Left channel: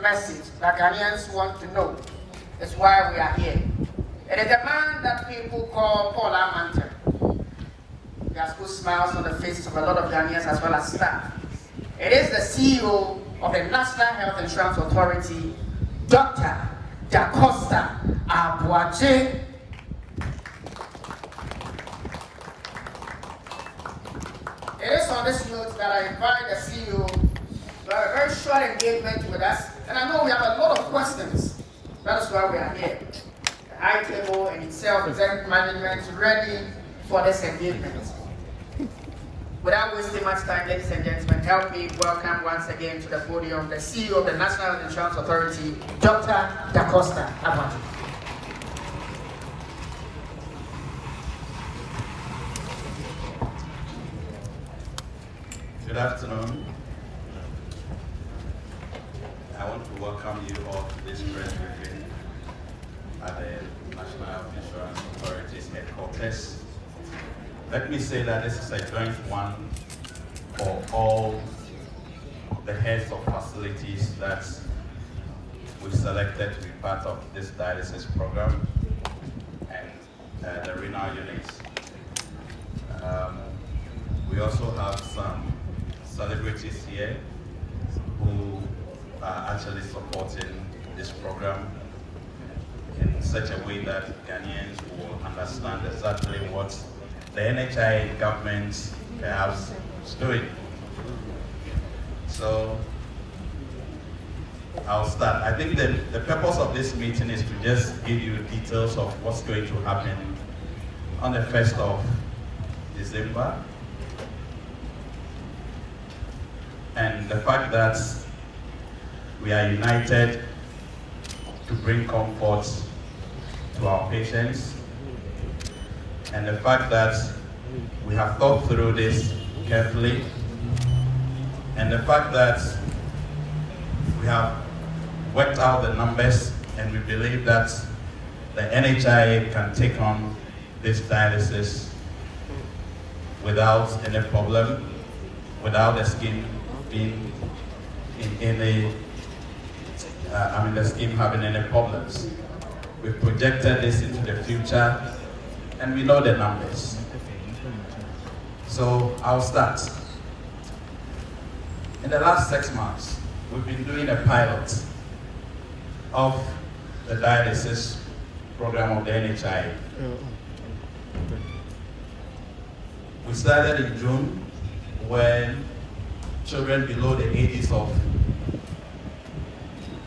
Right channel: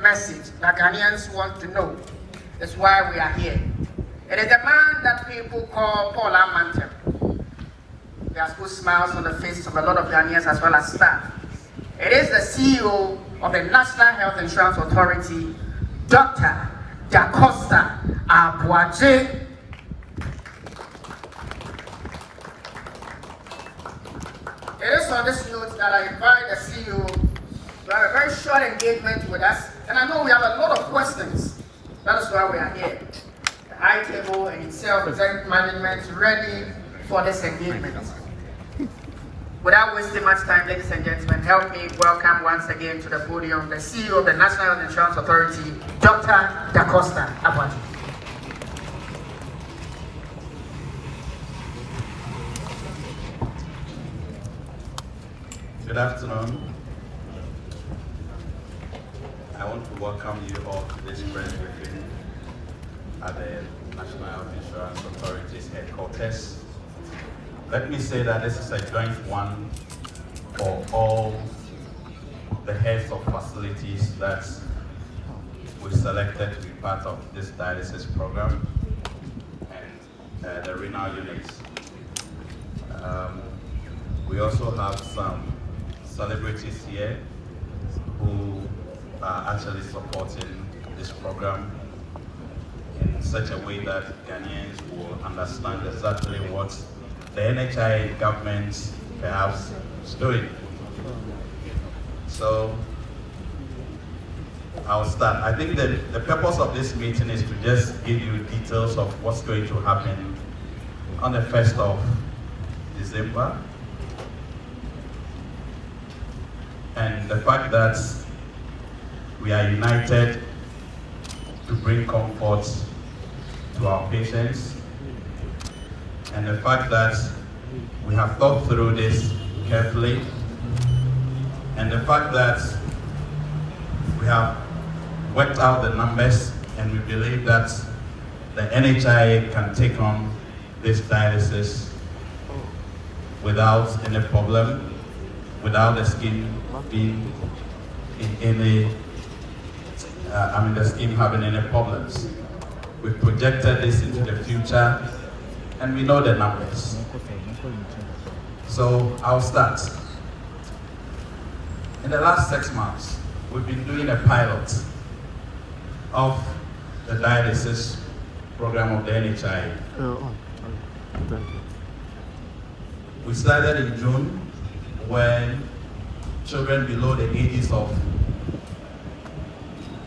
message that Ghanaians want to know is why we are here. It is a man that people call Paul Amantem. He has good smiles on the faces of a lot of Ghanaians as well as staff. It is the CEO of the National Health Insurance Authority, Dr. Da Costa Abuaje. It is on this note that I invite the CEO to have a very short engagement with us. And I know we have a lot of questions. That is why we are here. The high table and itself, executive management, ready for this engagement. Without wasting much time, ladies and gentlemen, help me welcome once again to the podium the CEO of the National Health Insurance Authority, Dr. Da Costa Abuaje. Good afternoon. I want to welcome you all to this press briefing at the National Health Insurance Authority's headquarters. Let me say that this is a joint one for all the heads of facilities that we selected to be part of this dialysis program and the renal units. We also have some celebrities here who are actually supporting this program in such a way that Ghanaians will understand exactly what the NHIS government perhaps is doing. So I'll start. I think the purpose of this meeting is to just give you details of what's going to happen on the 1st of December. And the fact that we are united to bring comfort to our patients, and the fact that we have thought through this carefully, and the fact that we have worked out the numbers, and we believe that the NHIS can take on this dialysis without any problem, without the scheme being in any, the scheme having any problems. We've projected this into the future, and we know the numbers. So I'll start. In the last 6 months, we've been doing a pilot of the dialysis program of the NHIS. We started in June when children below the ages of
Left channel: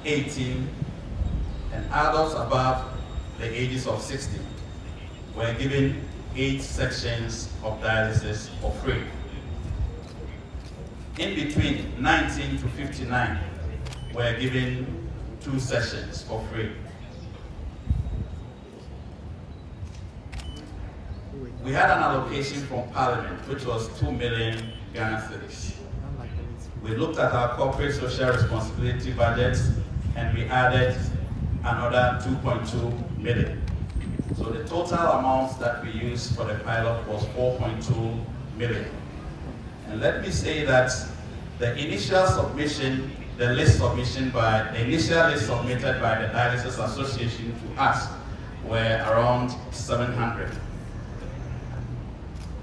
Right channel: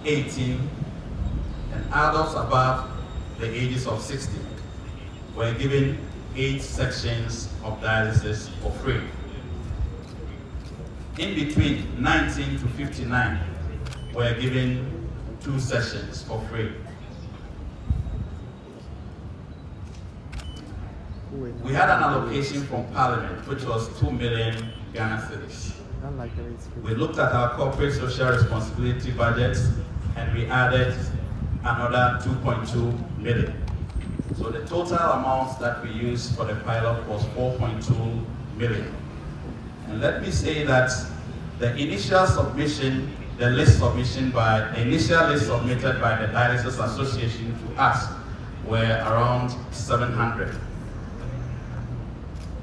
18 and adults above the ages of 60 were given 8 sections of dialysis for free. In between 19 to 59 were given 2 sessions for free. We had an allocation from Parliament, which was 2 million Ghana cedis. We looked at our corporate social responsibility budget and we added another 2.2 million. So the total amount that we used for the pilot was 4.2 million. And let me say that the initial submission, the initial list submitted by the Dialysis Association to us were around 700.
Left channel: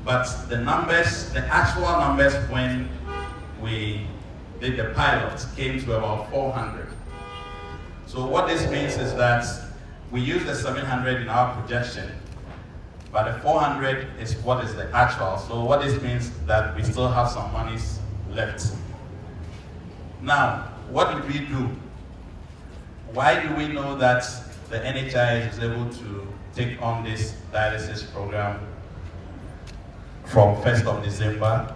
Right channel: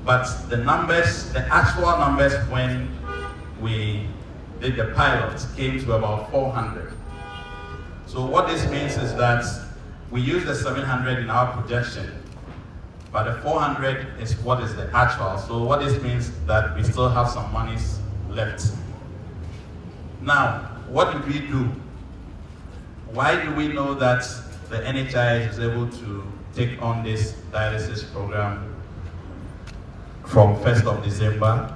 But the numbers, the actual numbers when we did the pilot came to about 400. So what this means is that we use the 700 in our projection, but the 400 is what is the actual. So what this means is that we still have some monies left. Now, what did we do? Why do we know that the NHIS is able to take on this dialysis program from 1st of December?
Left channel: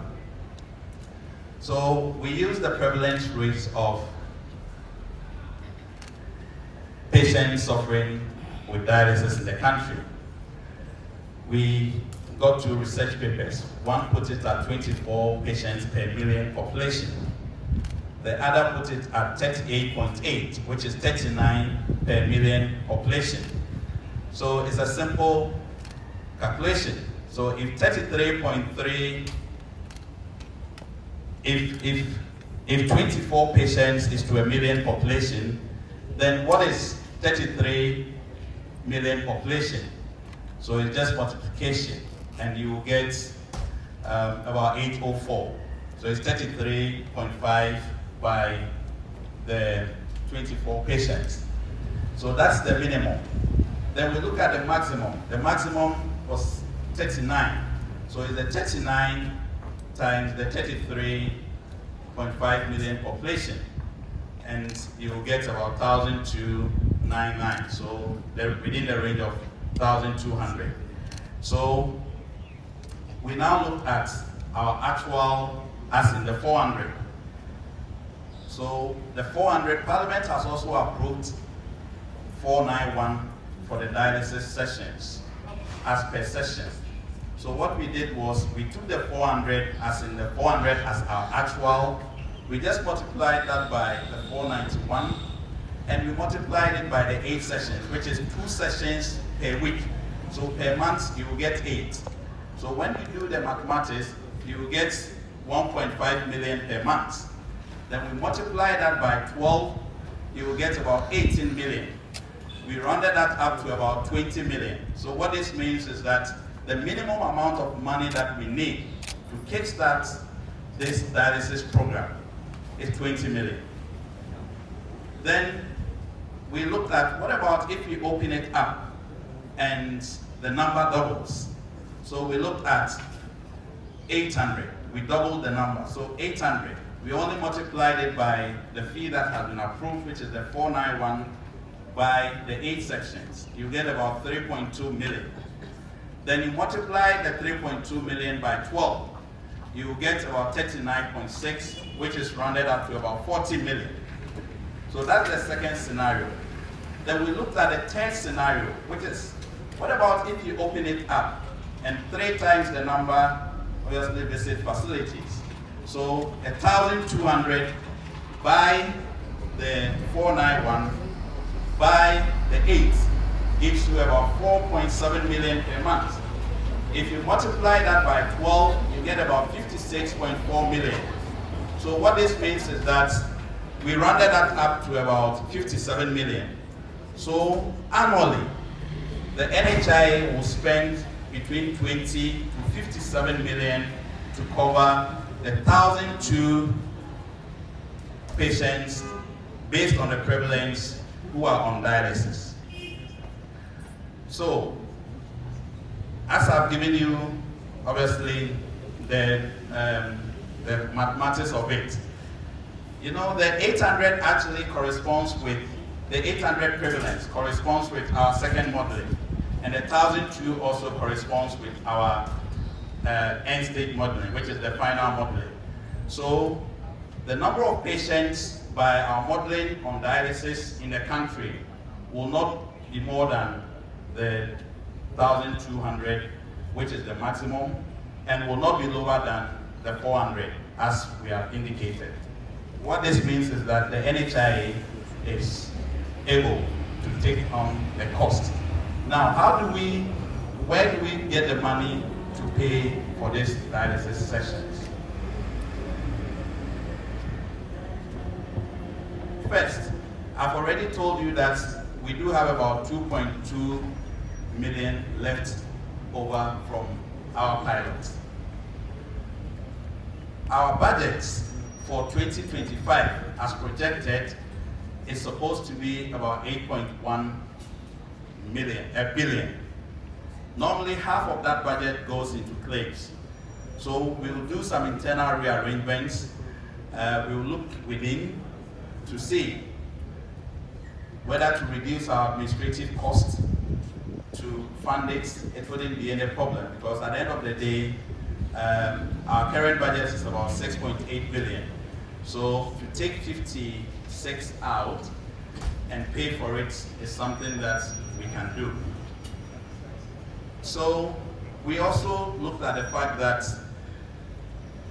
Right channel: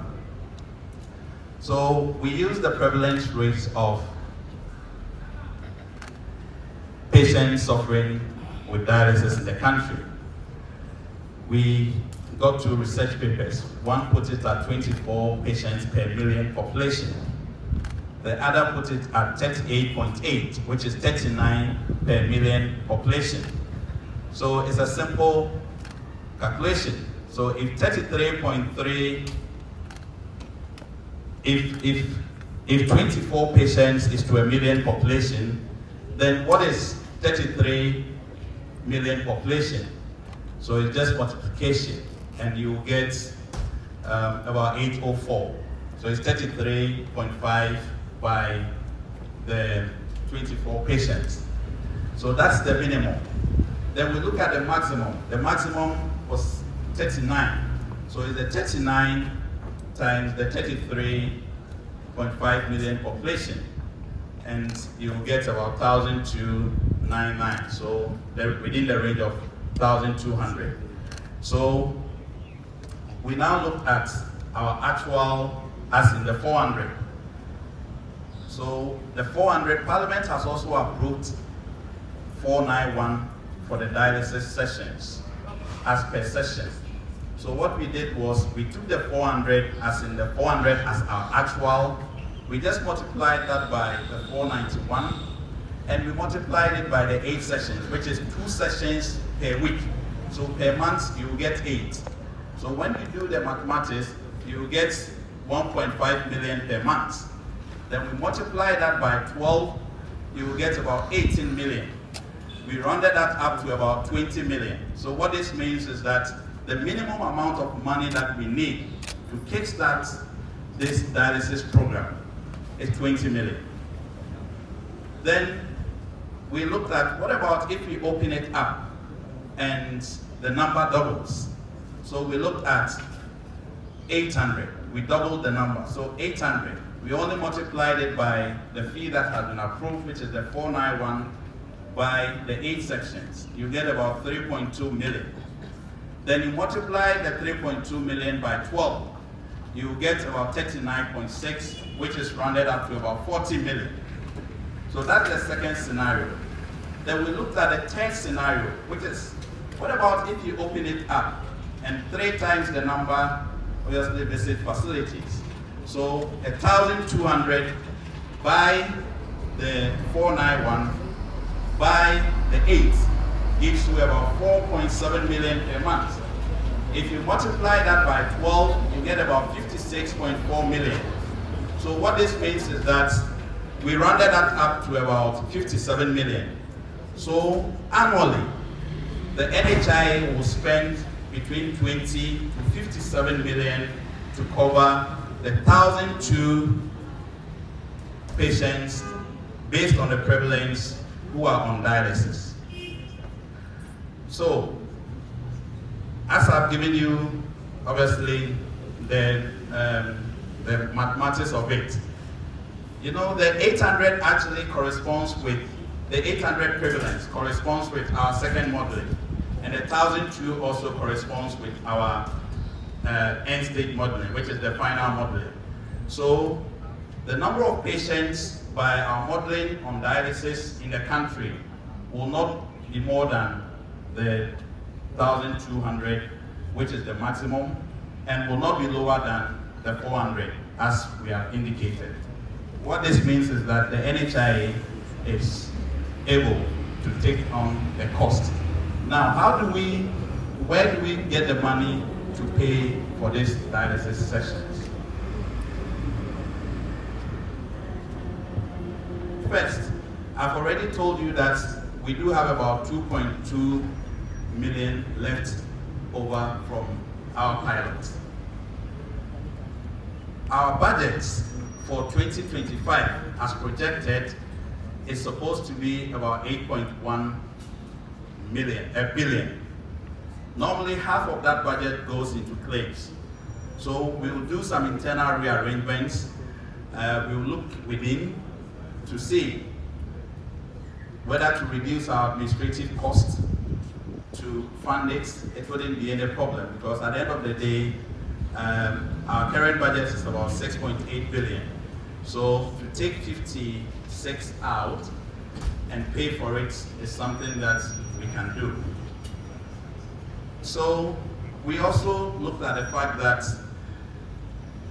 So we use the prevalence rates of patients suffering with dialysis in the country. We got 2 research papers. One put it at 24 patients per million population. The other put it at 38.8, which is 39 per million population. So it's a simple calculation. So if 33.3, if if 24 patients is to a million population, then what is 33 million population? So it's just multiplication, and you get about 804. So it's 33.5 by the 24 patients. So that's the minimum. Then we look at the maximum. The maximum was 39. So it's the 39 times the 33.5 million population. And you'll get about 1,299. So they're within the range of 1,200. So we now look at our actual, as in the 400. So the 400, Parliament has also approved 491 for the dialysis sessions, as per session. So what we did was, we took the 400, as in the 400 as our actual, we just multiplied that by the 491, and we multiplied it by the 8 sessions, which is 2 sessions per week. So per month, you will get 8. So when you do the mathematics, you will get 1.5 million per month. Then we multiply that by 12, you will get about 18 million. We rounded that up to about 20 million. So what this means is that the minimum amount of money that we need to kickstart this dialysis program is 20 million. Then we looked at, what about if we open it up and the number doubles? So we looked at 800. We doubled the number, so 800. We only multiplied it by the fee that has been approved, which is the 491, by the 8 sections. You get about 3.2 million. Then you multiply the 3.2 million by 12. You get about 39.6, which is rounded up to about 40 million. So that's the second scenario. Then we looked at the third scenario, which is, what about if you open it up and 3 times the number obviously visit facilities? So 1,200 by the 491 by the 8 gives you about 4.7 million per month. If you multiply that by 12, you get about 56.4 million. So what this means is that we rounded that up to about 57 million. So annually, the NHIS will spend between 20 to 57 million to cover the 1,002 patients based on the prevalence who are on dialysis. So, as I've given you, obviously, the mathematics of it, you know, the 800 actually corresponds with, the 800 prevalence corresponds with our second modeling, and the 1,002 also corresponds with our end state modeling, which is the final modeling. So, the number of patients by our modeling on dialysis in the country will not be more than the 1,200, which is the maximum, and will not be lower than the 400, as we have indicated. What this means is that the NHIS is able to take on the cost. Now, where do we get the money to pay for these dialysis sessions? First, I've already told you that we do have about 2.2 million left over from our pilot. Our budget for 2025, as projected, is supposed to be about 8.1 billion. Normally, half of that budget goes into claims. So we will do some internal rearrangements. We will look within to see whether to reduce our administrative costs to fund it. It wouldn't be any problem, because at the end of the day, our current budget is about 6.8 billion. So to take 56 out and pay for it is something that we can do. So we also looked at the fact that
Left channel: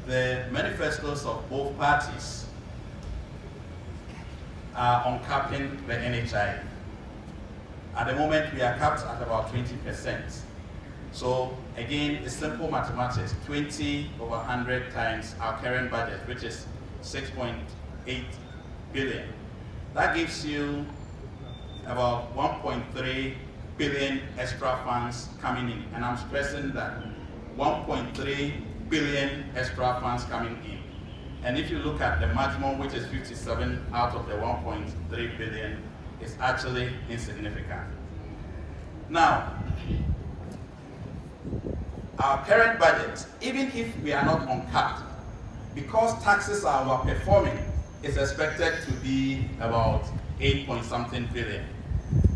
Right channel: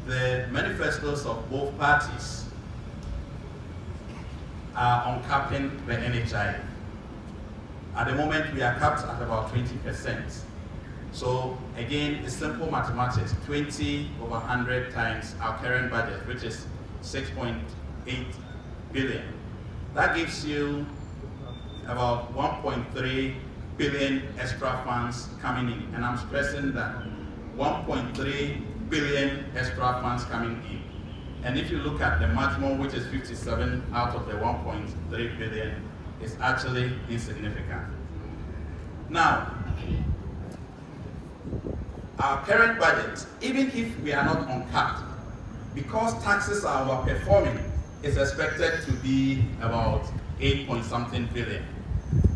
the manifestos of both parties are on capping the NHI. At the moment, we are capped at about 20%. So again, it's simple mathematics. 20 over 100 times our current budget, which is 6.8 billion. That gives you about 1.3 billion extra funds coming in. And I'm stressing that 1.3 billion extra funds coming in. And if you look at the maximum, which is 57 out of the 1.3 billion, it's actually insignificant. Now, our current budget, even if we are not uncapped, because taxes are overperforming, is expected to be about 8-point-something billion.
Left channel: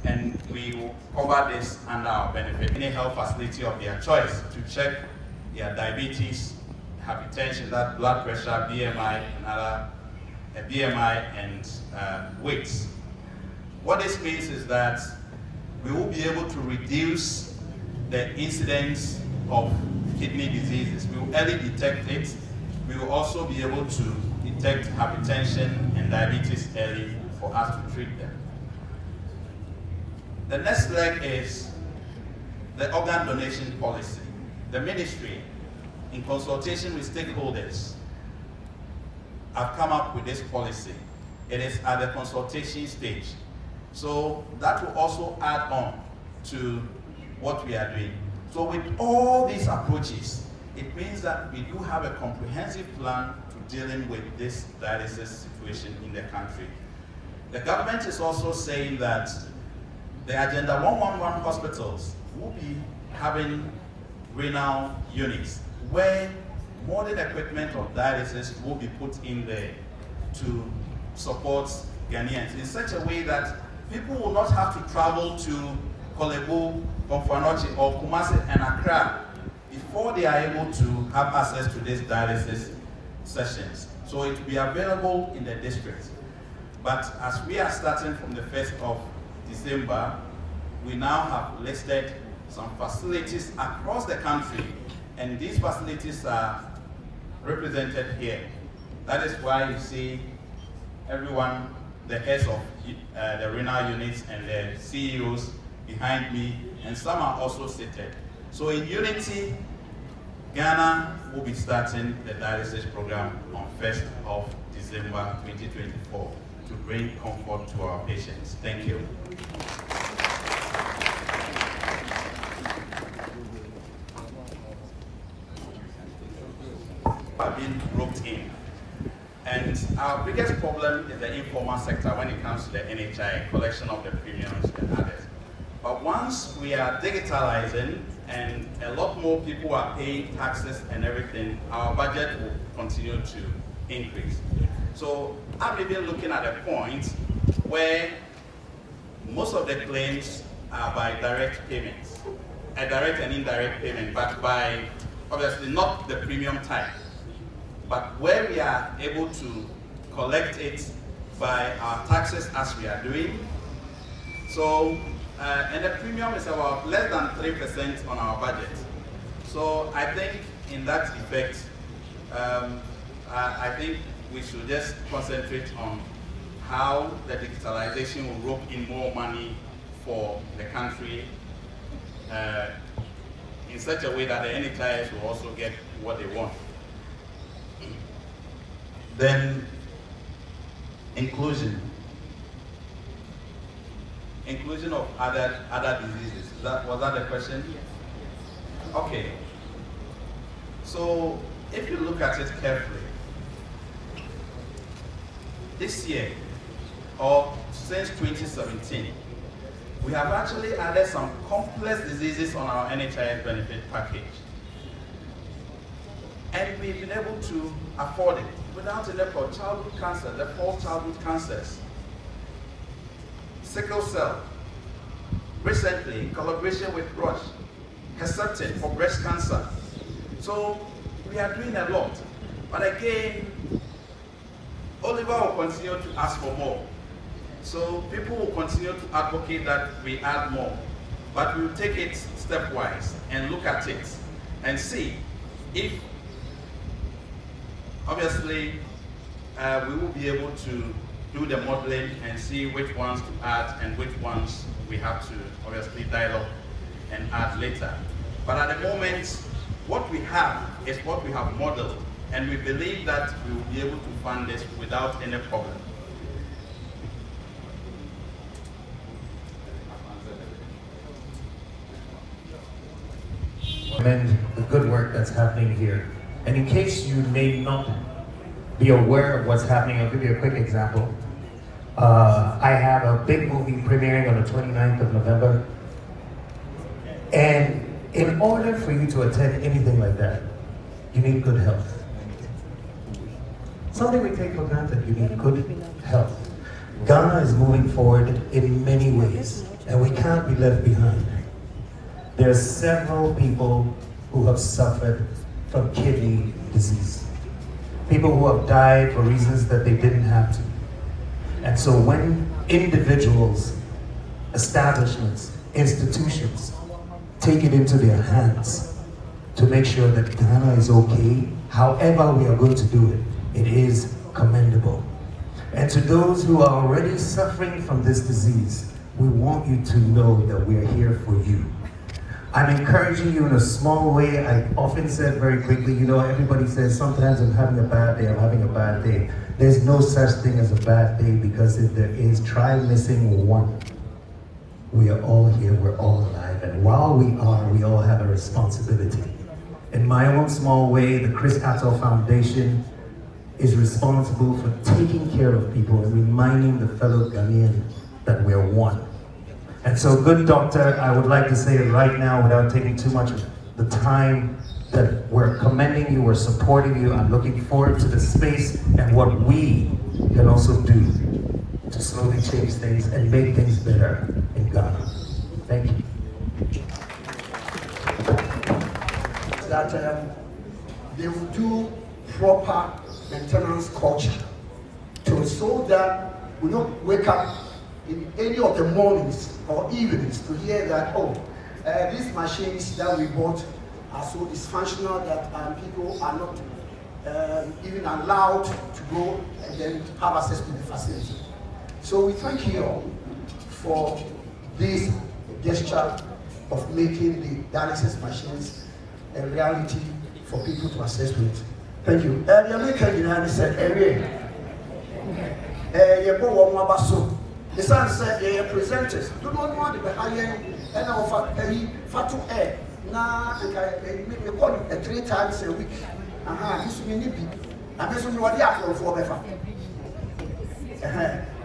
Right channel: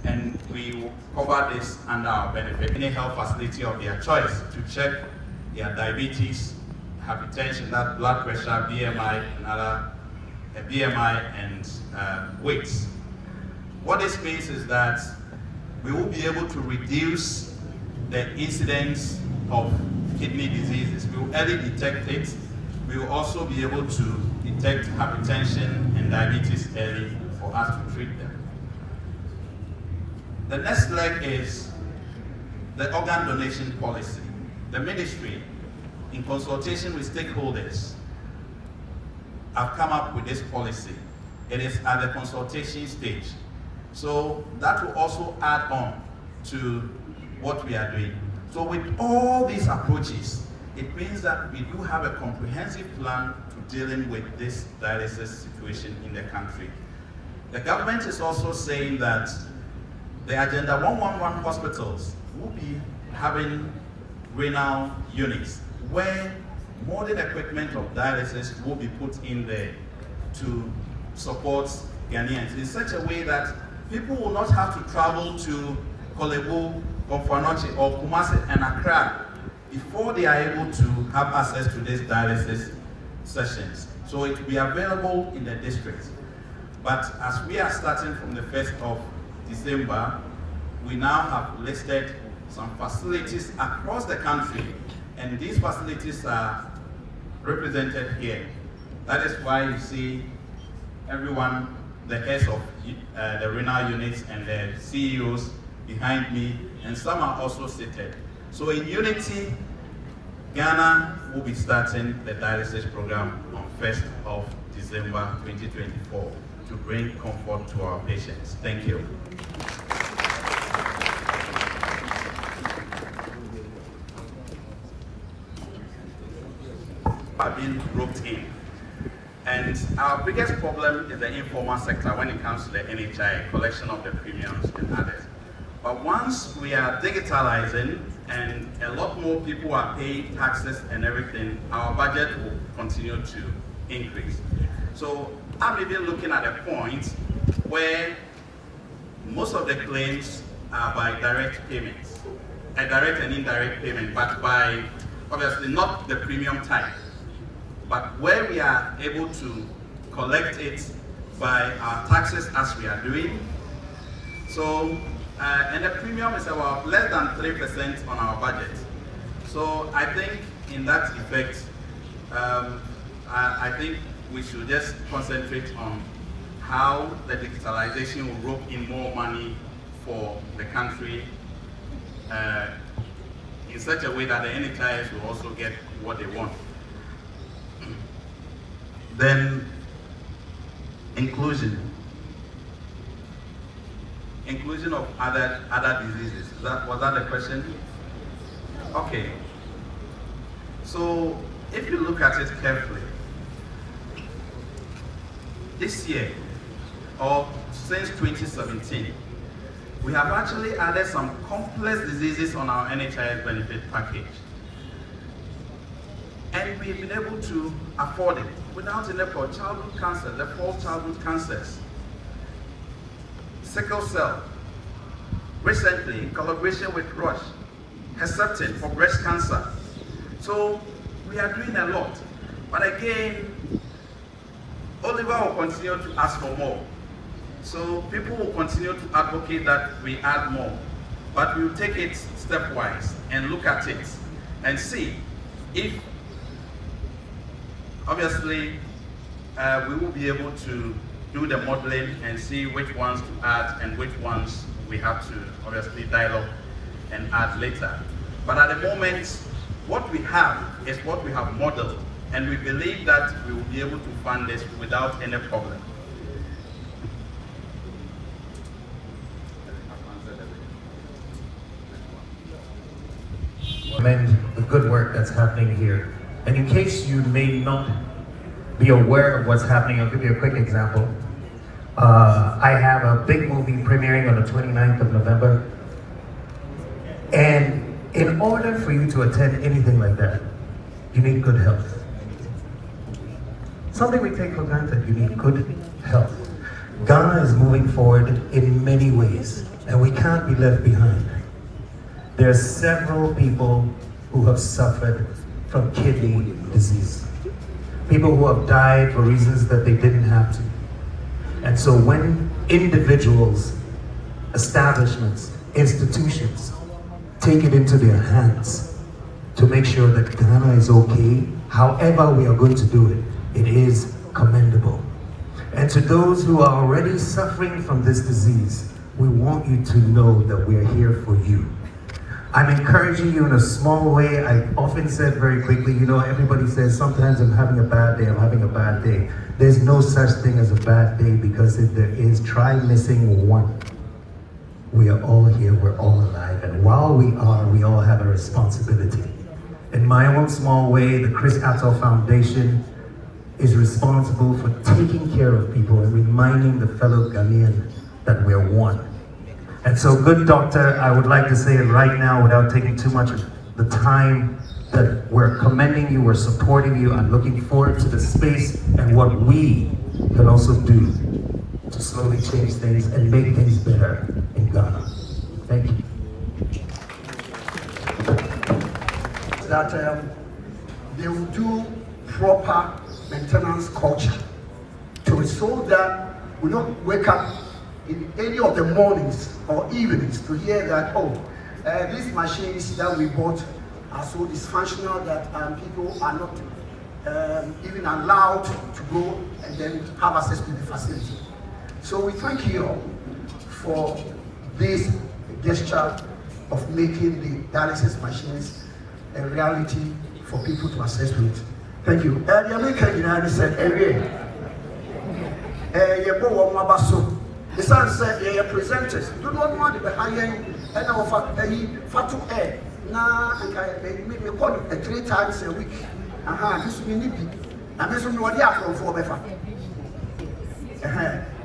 And we will cover this under our benefit. Any health facility of their choice to check their diabetes, hypertension, that blood pressure, BMI, and other BMI and weights. What this means is that we will be able to reduce the incidence of kidney diseases. We will early detect it. We will also be able to detect hypertension and diabetes early for us to treat them. The next leg is the organ donation policy. The ministry, in consultation with stakeholders, have come up with this policy. It is at the consultation stage. So that will also add on to what we are doing. So with all these approaches, it means that we do have a comprehensive plan to dealing with this dialysis situation in the country. The government is also saying that the Agenda 111 hospitals will be having renal units where modern equipment of dialysis will be put in there to support Ghanaians in such a way that people will not have to travel to Kolebu, Konfanoche, or Kumasi and Accra before they are able to have access to these dialysis sessions. So it will be available in the district. But as we are starting from the 1st of December, we now have listed some facilities across the country, and these facilities are represented here. That is why you see everyone, the heads of the renal units and the CEOs behind me, and some are also seated. So in unity, Ghana will be starting the dialysis program on 1st of December 2024 to bring comfort to our patients. Thank you. Are being roped in. And our biggest problem is the informal sector when it comes to the NHIS, collection of the premiums and others. But once we are digitalizing and a lot more people are paying taxes and everything, our budget will continue to increase. So I'm even looking at a point where most of the claims are by direct payments, a direct and indirect payment, but by obviously not the premium type, but where we are able to collect it by our taxes as we are doing. So, and the premium is about less than 3% on our budget. So I think in that effect, I think we should just concentrate on how the digitalization will rope in more money for the country in such a way that the NHIS will also get what they want. Then, inclusion of other diseases. Was that the question? Okay. So if you look at it carefully, this year or since 2017, we have actually added some complex diseases on our NHIS benefit package. And we've been able to afford it without any for childhood cancer, the 4 childhood cancers, sickle cell, recently in collaboration with Roche, Herceptin for breast cancer. So we are doing a lot. But again, Oliver will continue to ask for more. So people will continue to advocate that we add more. But we'll take it stepwise and look at it and see if obviously, we will be able to do the modeling and see which ones to add and which ones we have to obviously dialogue and add later. But at the moment, what we have is what we have modeled And we believe that we will be able to fund this without any problem. Commend the good work that's happening here. And in case you may not be aware of what's happening, I'll give you a quick example. I have a big movie premiering on the 29th of November. And in order for you to attend anything like that, you need good health. Something we take for granted, you need good health. Ghana is moving forward in many ways, and we can't be left behind. There are several people who have suffered from kidney disease. People who have died for reasons that they didn't have to. And so when individuals, establishments, institutions take it into their hands to make sure that Ghana is okay, however we are going to do it, it is commendable. And to those who are already suffering from this disease, we want you to know that we are here for you. I'm encouraging you in a small way. I often said very quickly, you know, everybody says sometimes I'm having a bad day, I'm having a bad day. There's no such thing as a bad day, because if there is, try missing one. We are all here, we're all alive, and while we all have a responsibility. In my own small way, the Chris Attoh Foundation is responsible for taking care of people and reminding the fellow Ghanaian that we're one. And so, good doctor, I would like to say it right now without taking too much of the time, that we're commending you, we're supporting you. I'm looking forward to the space and what we can also do to slowly change things and make things better in Ghana. Thank you. That they will do proper maintenance culture to so that we don't wake up in any of the mornings or evenings to hear that, these machines that we bought are so dysfunctional that people are not even allowed to go and then have access to the facility. So we thank you all for this gesture of making the dialysis machines a reality for people to access to it. Thank you. The American United said, the son said they are presenters. You don't want to be high and offer a fatu air. Now, we call it 3 times a week. This will be nippy. And this will be what they are for Befa.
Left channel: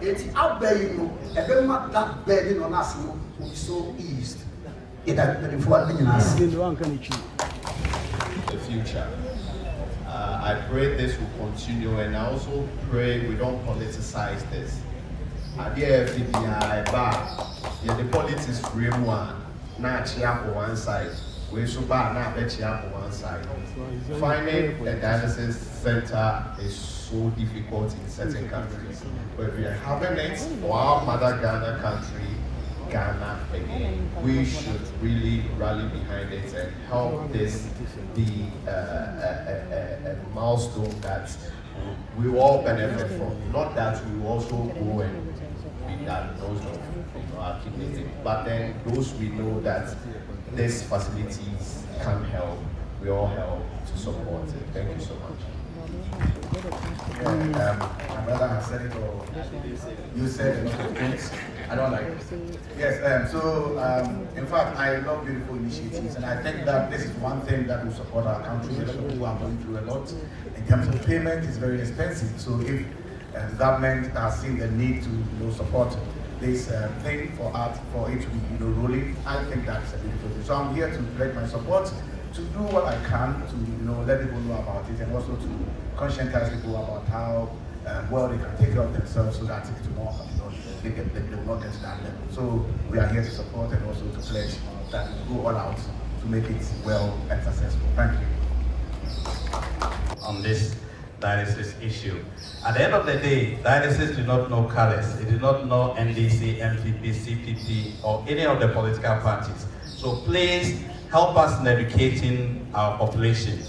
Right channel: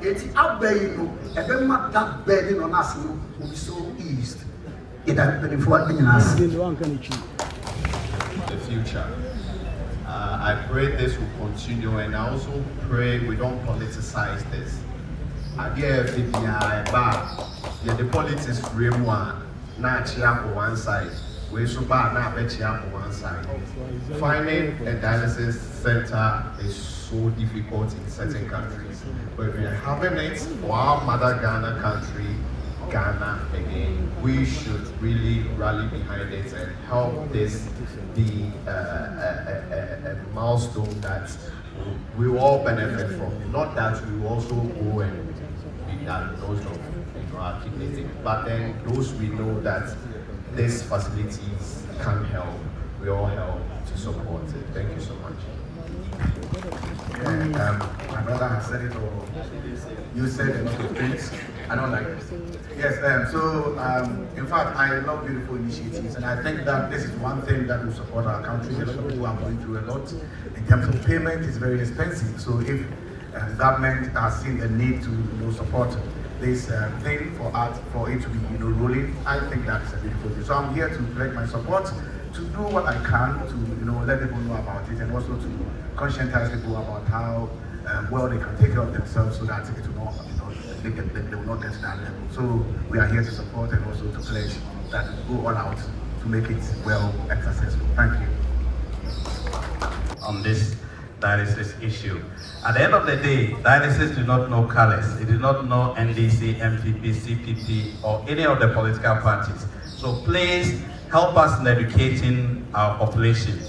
It's out there, you know, and then that burden on us will be so eased. It has been for the future. I pray this will continue, and I also pray we don't politicize this. The politics frame one, not cheer for one side. We so bad not bet cheer for one side. Finding a dialysis center is so difficult in certain countries, but we are having it for our mother Ghana country, Ghana again. We should really rally behind it and help this be a milestone that we will all benefit from. Not that we will also go and be diagnosed of our kidney, but then those we know that these facilities can help, we all help to support it. Thank you so much. My brother has said it all. You said a lot of things. I don't like it. Yes, in fact, I love beautiful initiatives, and I think that this is one thing that will support our country. A lot of people are going through a lot. In terms of payment, it's very expensive. So if the government has seen the need to support this thing for it to be rolling, I think that is a beautiful thing. So I'm here to pledge my support to do what I can to let people know about it, and also to conscientize people about how well they can take care of themselves, so that it will not, they will not get to that level. So we are here to support and also to pledge that we go all out to make it well and successful. Thank you. On this dialysis issue. At the end of the day, dialysis do not know colors. It do not know NDC, MPP, CPP, or any of the political parties. So please help us in educating our population.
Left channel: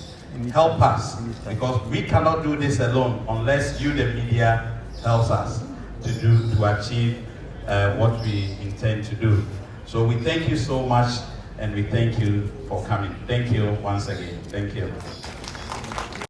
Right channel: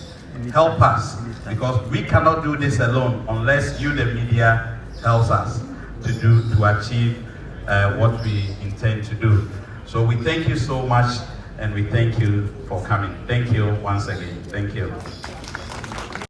Help us, because we cannot do this alone unless you, the media, helps us to achieve what we intend to do. So we thank you so much, and we thank you for coming. Thank you once again. Thank you.